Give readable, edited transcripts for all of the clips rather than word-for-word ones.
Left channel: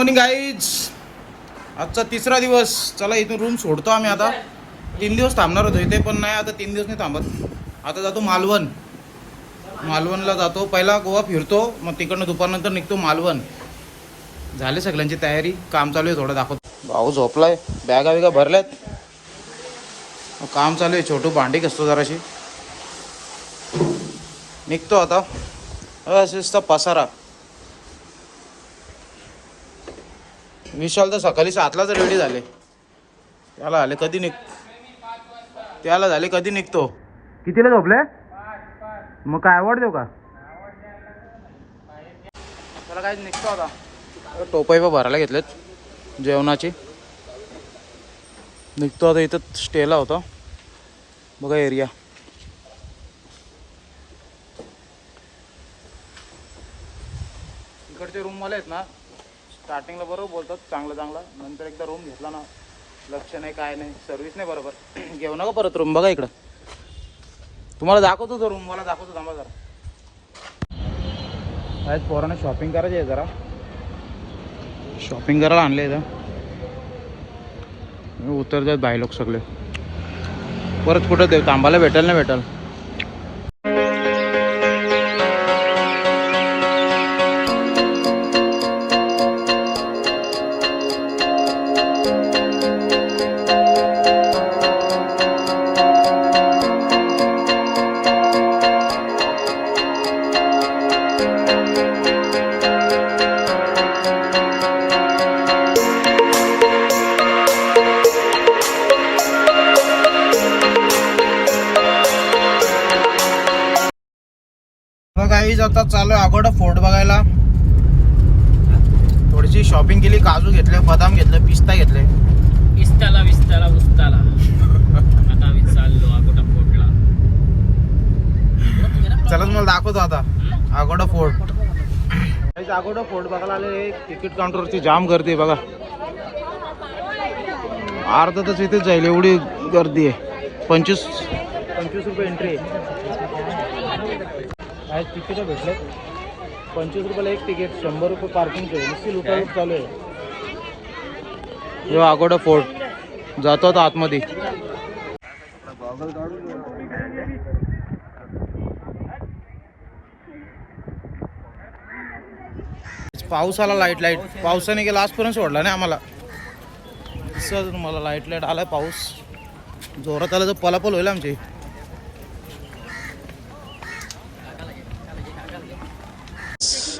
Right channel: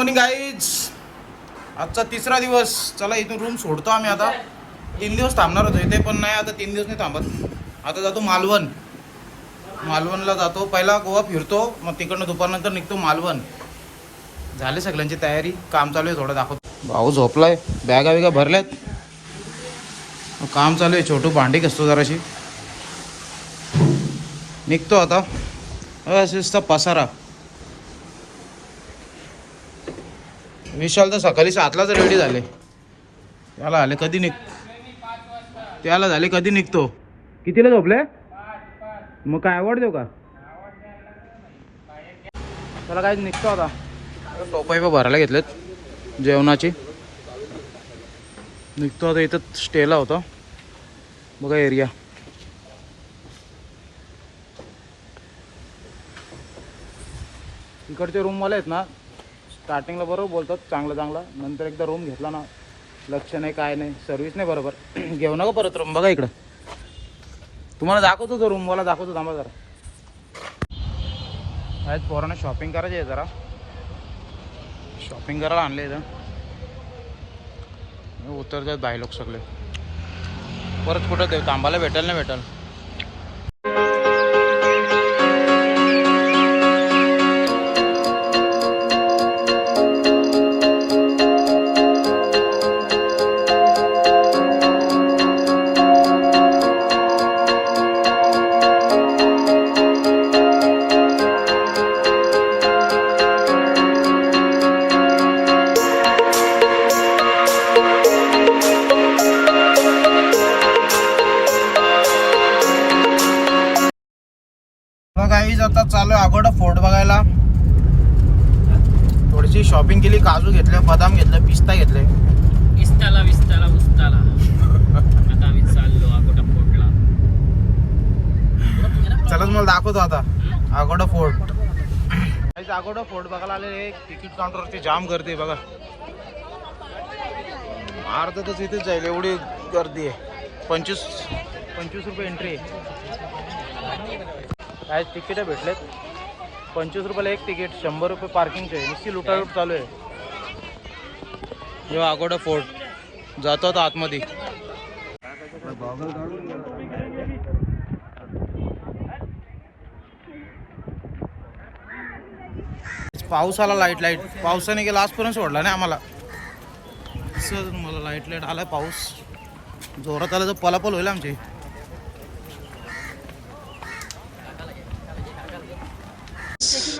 Morning guys. आजचा तिसरा दिवस. चला इथून रूम सोडतो आम्ही आता. 3 दिवस थांबणार होतो इथे, पण नाही आता 3 दिवस नाही थांबत. आता जातो मालवणला जातो. पहिला गोवा फिरतो, मग तिकडनं दुपारनंतर निघतो मालवण. झाले सगळ्यांची तयारी, काम चालू आहे. थोडं दाखवतो. भाऊ झोपलाय, बॅगा बिगा भरल्यात, काम चालू आहे. छोटू भांडी घसतो जराशी. निघतो आता. असेच पसारा. विशाल तर सकाळी 7लाच रेडी झाले. त्याला झाले कधी निघतो. कितीला झोपले? मग काय आवड देऊ का? त्याला काय निघतो आता. टोपई भरायला घेतलेत जेवणाची. निघतो आता. इथं स्टेला होता बघा एरिया. इकडचे रूमवाले आहेत ना, स्टार्टिंगला बरोबर बोलतात चांगलं. नंतर एकदा रूम घेतला ना, लक्ष नाही काय नाही, सर्व्हिस नाही बरोबर. घेऊ नका परत रूम. बघा इकडं तुम्हाला दाखवतो, तो रूमवाला दाखवतो. थांबा जरा. आज पोरांना शॉपिंग करायची आहे, जरा शॉपिंग करायला आणले इथं. उतरतात बाई लोक सगळे. परत कुठं देऊ थांबायला भेटेल ना भेटेल. गाईज आता चालू आहे अगोदर फोर्ट बघायला. थोडीशी शॉपिंग केली. काजू घेतले, बदाम घेतले, पिस्ता घेतले. चला मला दाखवतो आता अगोदर फोर्ट. अगोदर फोर्ट बघायला आले. तिकीट काउंटरवरती जाम गर्दी बघा. अर्धा तास इथेच जाईल एवढी गर्दी आहे. 25 रुपये एंट्री आहे. काय तिकीट भेटले 25 रुपयाला एक तिकीट. 100 रुपये पार्किंगचे. नुसती लुटालूट चालू आहे. जो अगोदर फोर्ट जातो आता आतमध्ये. पाऊस आला. लाईट पावसाने गेला आजपर्यंत सोडला नाही आम्हाला. सर मला लाईट आलाय. पाऊस जोरात आला तर पलापल होईल आमची.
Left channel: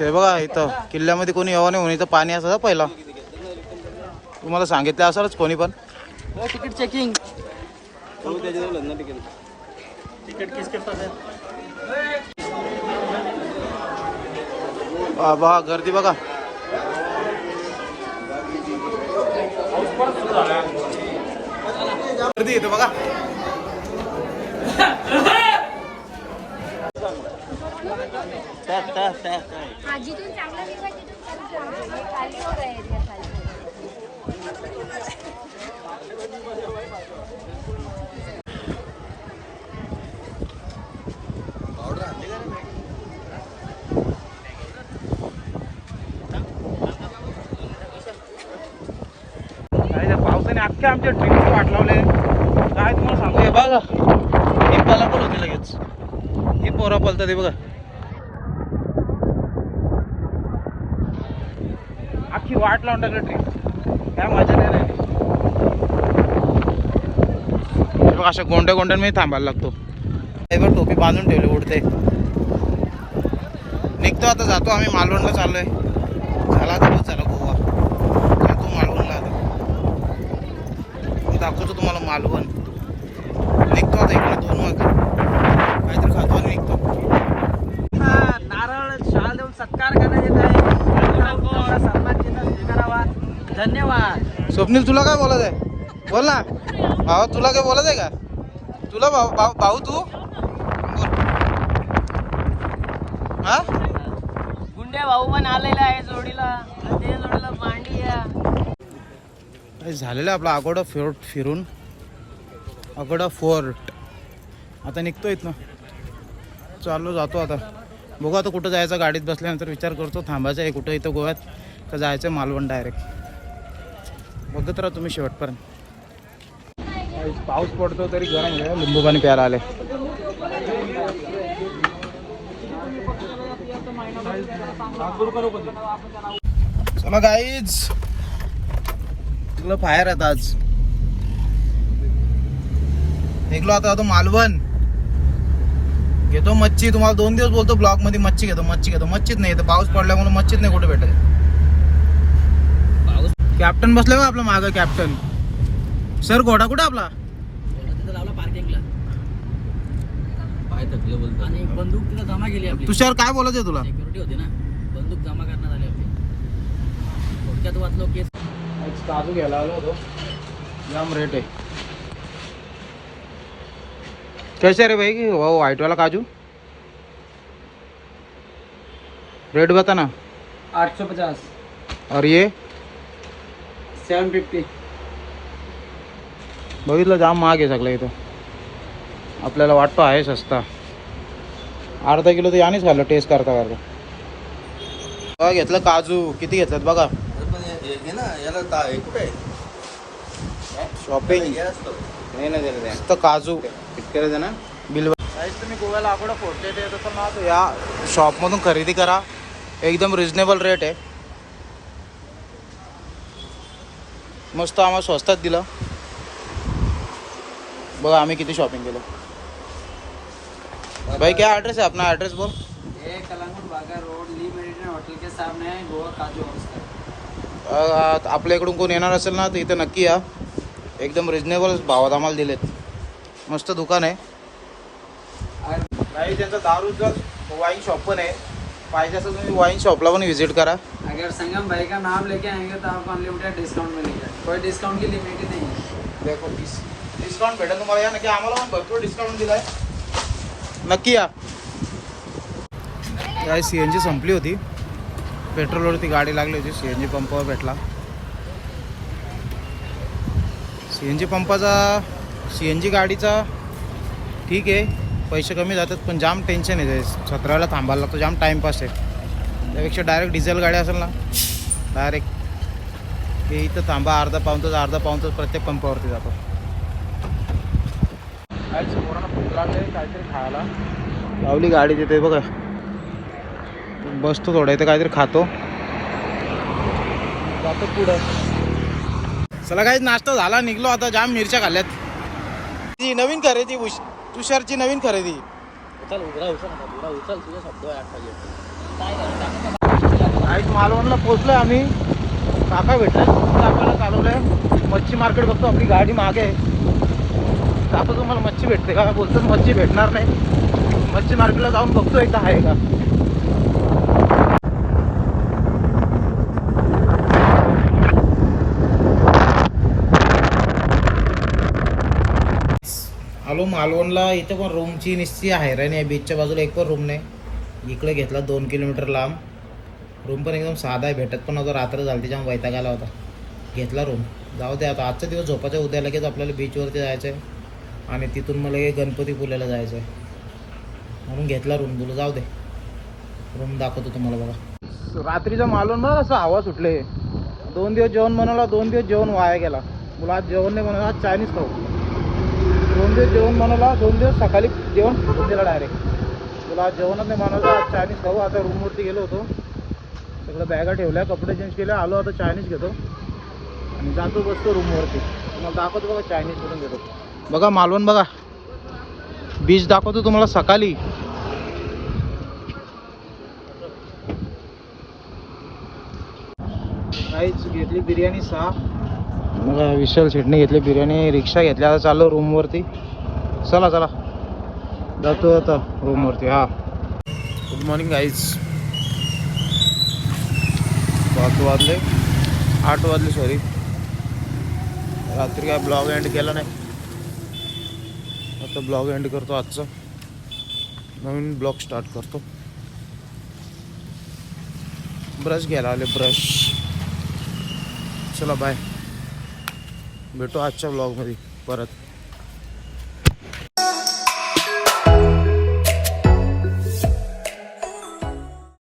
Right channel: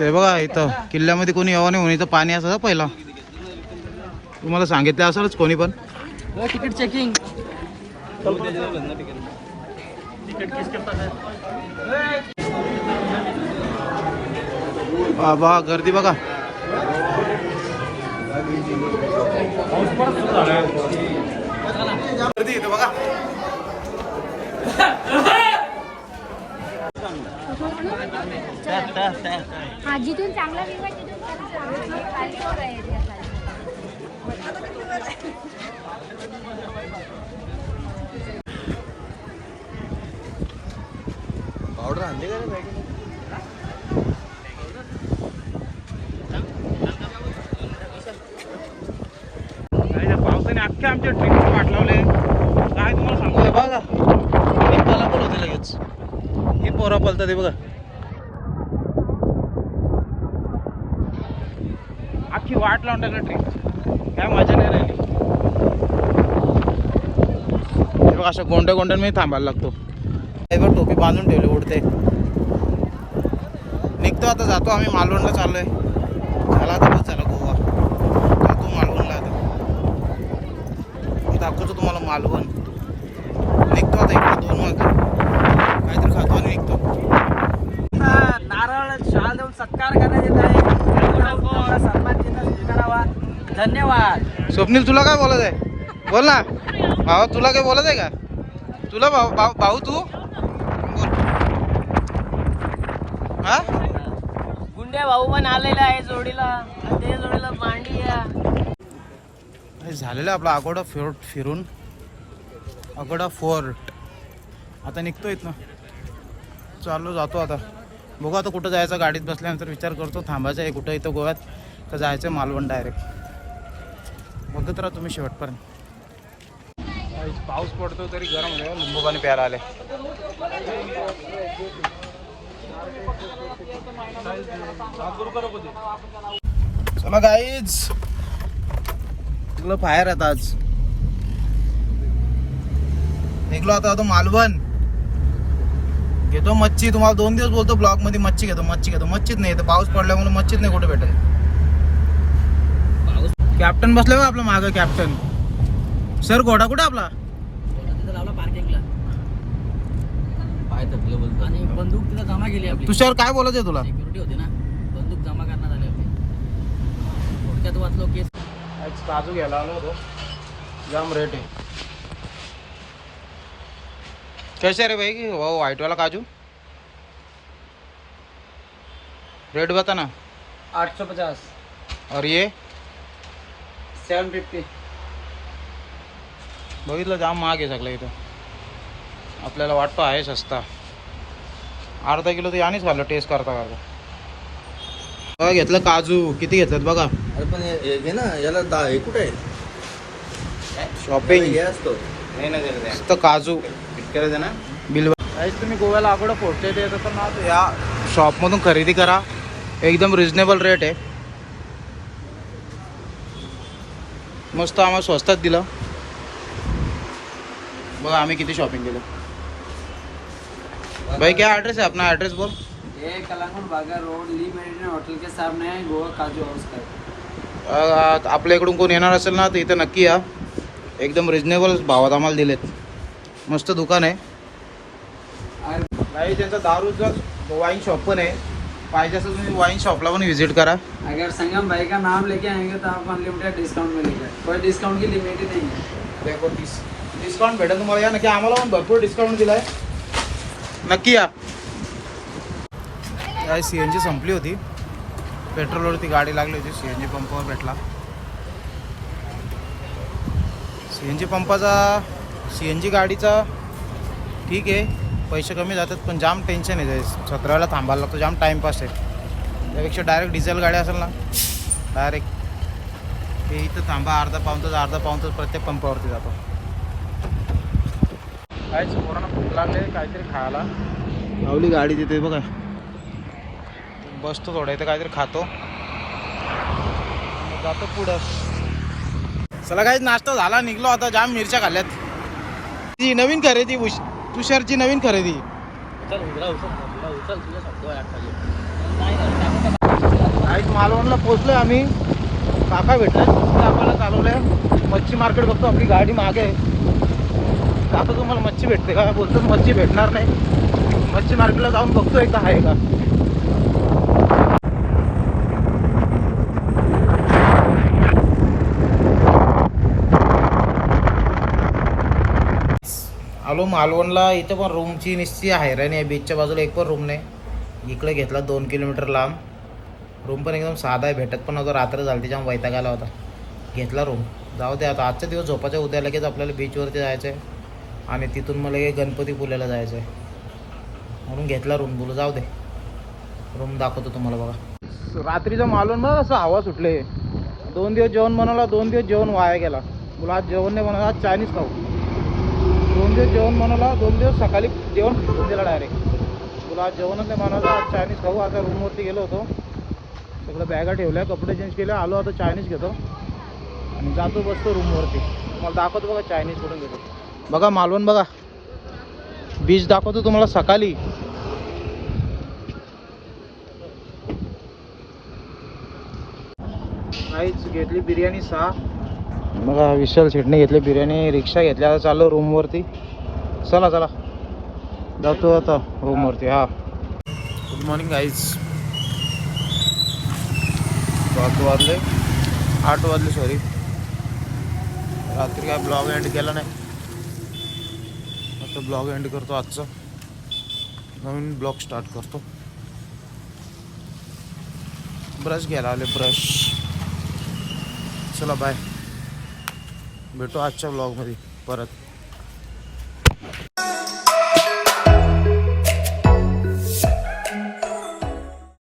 हे बघा इथं किल्ल्यामध्ये कोणी यावं नाही म्हणून इथं पाणी असायचं पहिला. तुम्हाला सांगितलं असेलच कोणी पण. Ticket checking. बाबा गर्दी बघा. गर्दी इथं बघा. जिथून चांगला व्यू आहे तिथून पावसाने अख्खे आमच्या ट्रिपची वाट लावले. काय तुम्हाला सांगते बघा. हे पलापल होते लगेच. हे पोरा पलतात ते बघा. अख्खी वाट लावून टाकली ट्रिप. काय मजा नाही राहिली. बघा अशा गोंड्यामध्ये थांबायला लागतो. ड्रायव्हर टोपी बांधून ठेवली उडते. निघतो आता. जातो आम्ही मालवणला चाललोय. झाला तर चला गोवा. जातो मालवणला आता. मी दाखवतो तुम्हाला मालवण. निघतो आता इकडे 2 वाजता काहीतरी खातो आणि निघतो. नारळ शाळा देऊन सत्कार करण्यात येत आहे. सन्मान करावा. धन्यवाद. स्वप्नील तुला काय बोलायचं आहे? बोल ना भावा. तुला काय बोलायचं आहे का? तुला भाऊ तू हा गुंडे भाऊ पण आलेला आहे जोडीला. त्या जोडीला मांडी झालेलं आपला अगोदर फोर्ट फिरून. अगोदर फोर्ट आता निघतोय ना. चाललो जातो आता. बघू आता कुठं जायचं. गाडीत बसल्यानंतर विचार करतो थांबायचं आहे कुठं. इथं गोव्यात तर जायचं मालवण डायरेक्ट. बघत राहा तुम्ही शेवटपर्यंत. पाऊस पडतो तरी गरम आहे. लिंबू पाणी प्यायला आले. चला गाईज, तुला बाहेर आता आज निघलो आता मालवण. घेतो मच्छी. तुम्हाला 2 दिवस बोलतो ब्लॉग मध्ये मच्छी घेतो मच्छीच नाही. तर पाऊस पडल्यामुळे मच्छीच नाही कुठे भेटत. कॅप्टन बसले का आपला मागं. कॅप्टन सर घोडा कुठे आपला. पार्किंगला पाय थकले बोलतो. आणि बंदूक तिला जमा केली आपली. तुषार काय बोलत आहे तुला. सिक्युरिटी होती ना, बंदूक जमा करण्यात आली आपली. थोडक्यात वाचलो केस. काजू घ्यायला आलो होतो. जाम रेट आहे. कैसे रे भाई वो व्हाइट वाला काजू. रेट बता ना. 850 और ये 750. बघितलं जाम महाग आहे सगळं इथं. आपल्याला वाटतो आहे सस्ता. अर्धा किलो तर यानेच खाल्लं टेस्ट करता करता. बघा घेतलं काजू. किती घेतलं बघा. शॉपिंग तर काजू बिल. तुम्ही गोव्याला अगोदर फोटो येत असाल ना, तर या शॉपमधून खरेदी करा. एकदम रिजनेबल रेट आहे. मस्त आम्हाला स्वस्तात दिलं. बघा आम्ही किती शॉपिंग केलं. भाई क्या एड्रेस है अपना. एड्रेस बोल. ये कलांगुट बागा रोड ली मेरिडियन होटल के सामने है, गोवा काजू हाउस का. आपल्या इकडून कोण येणार असेल ना, तर इथं नक्की या. एकदम रिजनेबल भावात आम्हाला दिलेत. मस्त दुकान आहे. नाही त्यांचं दारूचं वाईन शॉप पण आहे. पाहिजे असेल तुम्ही वाईन शॉपला पण व्हिजिट करा. अगर संगम भाई का नाम लेके आएंगे तो आपको अनलिमिटेड डिस्काउंट मिलेगा. कोई डिस्काउंट की लिमिट ही नहीं है. देखो डिस्काउंट भेटेल तुम्हाला. या नक्की. आम्हाला पण भरपूर डिस्काउंट दिला आहे. नक्की या. CNG संपली होती. पेट्रोलवरती गाडी लागली होती. CNG पंपावर भेटला. CNG पंपाचा CNG गाडीचा ठीक आहे, पैसे कमी जातात, पण जाम टेन्शन आहे. 17ला थांबायला लागतो. जाम टाईमपास आहे. त्यापेक्षा डायरेक्ट डिझेल गाडी असेल ना, डायरेक्ट की इथं थांबा अर्धा पाऊण तास प्रत्येक पंपावरती जातो. काय पूर्ण भूक लागले. काहीतरी खायला लावली गाडी तिथे बघा. बसतो थोडं इथे काहीतरी खातो, जातो पुढं. चला काही नाश्ता झाला. निघलो आता. जाम मिरच्या खाल्ल्यात. ती नवीन खरेदी तुषारची नवीन खरेदी. आज मालवणला पोचलोय आम्ही. काका भेटले. काकाला चालवलंय. मच्छी मार्केट बघतो. आपली गाडी मागे आहे. आता तुम्हाला मच्छी भेटते का. बोलतो मच्छी भेटणार नाही. मच्छी मार्केटला जाऊन बघतो एकदा आहे का. आलो मालवणला. इथं पण रूमची निश्चित आहे रे नाही. बीचच्या बाजूला एक पण रूम नाही. इकडे घेतला 2 किलोमीटर लांब. रूम पण एकदम साधा आहे. भेटत पण नव्हतं. रात्र झाली त्याच्यामुळे वैताग आला होता. घेतला रूम. जाऊ दे आता. आजचा दिवस झोपायचा. उद्या लगेच आपल्याला बीचवरती जायचं आहे आणि तिथून मला गणपतीपुळ्याला जायचं आहे. म्हणून घेतला रूम. बोलू जाऊ दे. रूम दाखवतो तुम्हाला बघा. रात्रीचं मालवण बघा कसं हवा सुटले. 2 दिवस जेवण बनवला. 2 दिवस जेवण वाया गेला. बोला आज जेवण नाही बनवलं. आज चायनीज खाऊ. 2 दिवस जेवण बनवला. 2 दिवस सकाळी जेवण फेकून दिला डायरेक्ट. बोला आज जेवणच नाही बनवलं. आज चायनीज खाऊ. आता रूमवरती गेलो होतो. सगळं बॅगा ठेवल्या. कपडे चेंज केले. आलो आता चायनीज घेतो आणि जातो बसतो रूमवरती. तुम्हाला दाखवतो बघा चायनीज करून घेतो. बघा मालवण बघा. बीच दाखवतो तुम्हाला सकाळी. काहीच घेतली बिर्याणी 6. बघा विशाल शेटने घेतली बिर्याणी. रिक्षा घेतली. आता चाललो रूमवरती. चला जातो आता रूमवरती. हा गुड मॉर्निंग गाईज. 8 वाजले सॉरी. रात्री काय ब्लॉग एंड केला नाही. आता ब्लॉग एंड करतो. आजचा नवीन ब्लॉग स्टार्ट करतो. ब्रश घ्यायला आले. ब्रश. चला बाय. भेटू आजच्या ब्लॉगमध्ये परत.